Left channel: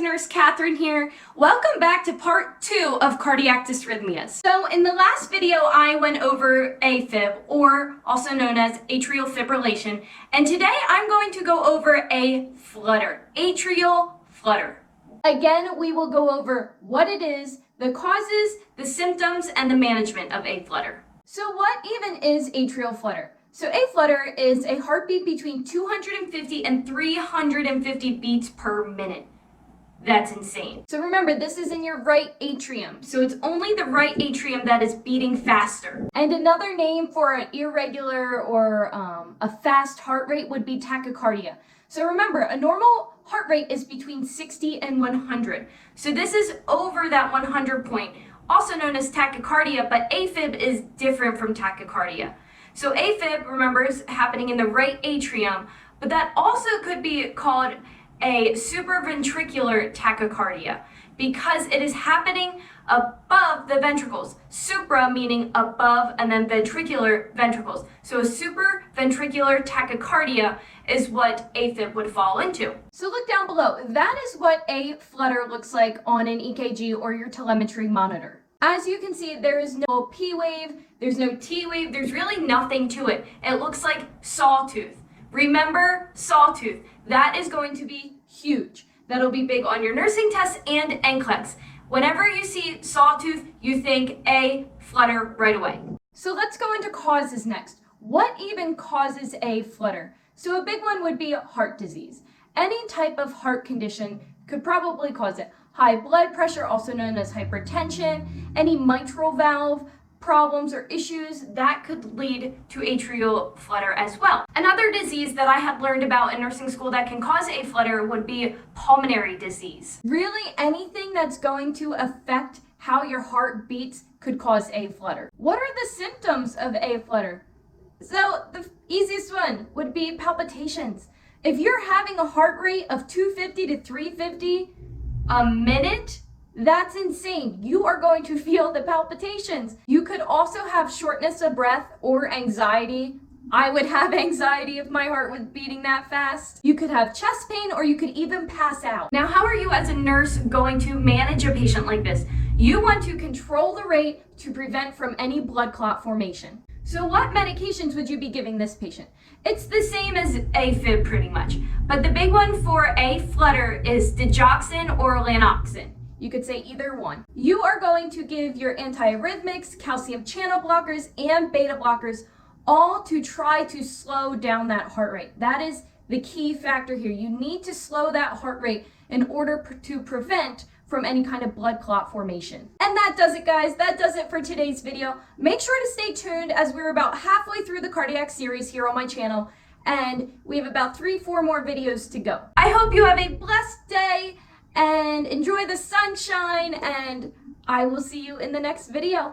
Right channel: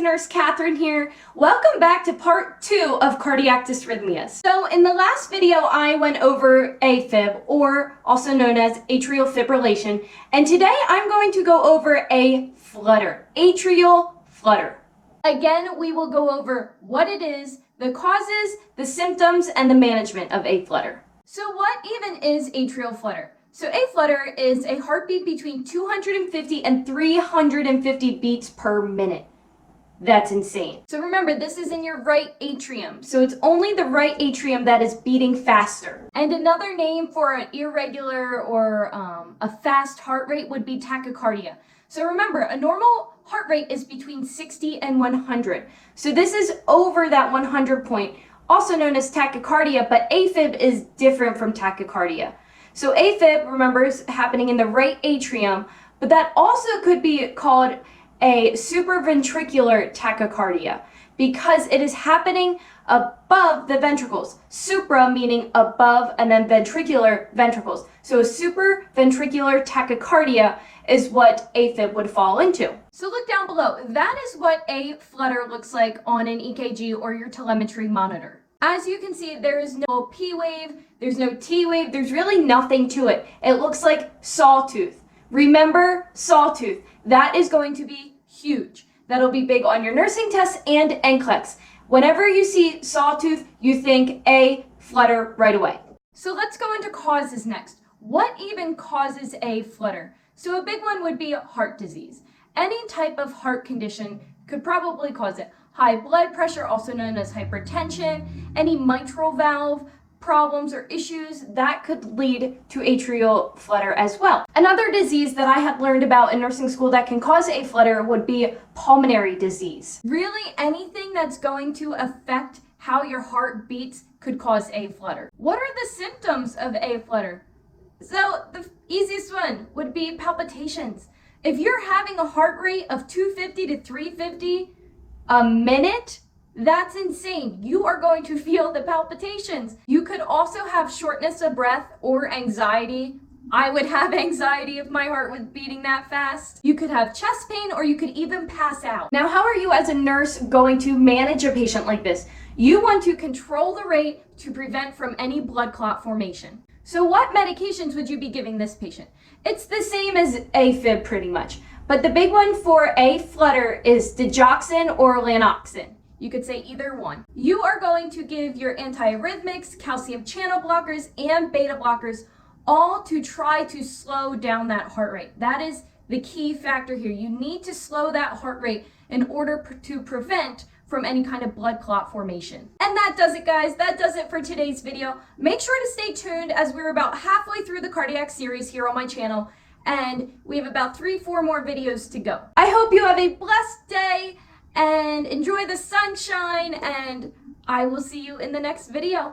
to Nurse Katherine here. Welcome back to part 2 of cardiac dysrhythmias. So in the last video, I went over AFib, or also known as atrial fibrillation, and today I'm going to go over a flutter, atrial flutter. Again, we will go over what it is, the causes, the symptoms, and the management of A-Flutter. So what even is atrial flutter? So A-Flutter is a heartbeat between 250 and 350 beats per minute. That's insane. So remember, this is in your right atrium. So it's only the right atrium that is beating faster. And another name for an irregular or a fast heart rate would be tachycardia. So remember, a normal heart rate is between 60 and 100. So this is over that 100 point, also known as tachycardia, but AFib is different from tachycardia. So AFib, remember, is happening in the right atrium, but that also could be called a supraventricular tachycardia because it is happening above the ventricles. Supra meaning above, and then ventricular, ventricles. So a supraventricular tachycardia is what AFib would fall into. So look down below. That is what a flutter looks like on an EKG or your telemetry monitor. As you can see, there is no P wave, there's no T wave, there's really nothing to it. It looks like sawtooth. Remember sawtooth. That is going to be huge. That'll be big on your nursing tests and NCLEX. Whenever you see sawtooth, you think a flutter right away. So let's go into causes next. What even causes a flutter? So a big one would be heart disease. Any type of heart condition could probably cause it. High blood pressure, also known as hypertension, any mitral valve problems or issues, that could lead to atrial flutter as well. Another disease that I have learned about in nursing school that can cause a flutter would be pulmonary disease. Really, anything that's going to affect how your heart beats could cause a flutter. What are the symptoms of a flutter? So the easiest one would be palpitations. If you're having a heart rate of 250 to 350 a minute, that's insane. You are going to feel the palpitations. You could also have shortness of breath or anxiety. I would have anxiety if my heart was beating that fast. You could have chest pain, or you could even pass out. Now, how are you as a nurse going to manage a patient like this? You want to control the rate to prevent from any blood clot formation. So what medications would you be giving this patient? It's the same as AFib pretty much, but the big one for a flutter is digoxin or lanoxin. You could say either one. You are going to give your antiarrhythmics, calcium channel blockers, and beta blockers, all to try to slow down that heart rate. That is the key factor here. You need to slow that heart rate in order to prevent from any kind of blood clot formation. And that does it, guys. That does it for today's video. Make sure to stay tuned as we're about halfway through the cardiac series here on my channel, and we have about 3-4 more videos to go. I hope you have a blessed day and enjoy the sunshine, and I will see you in the next video.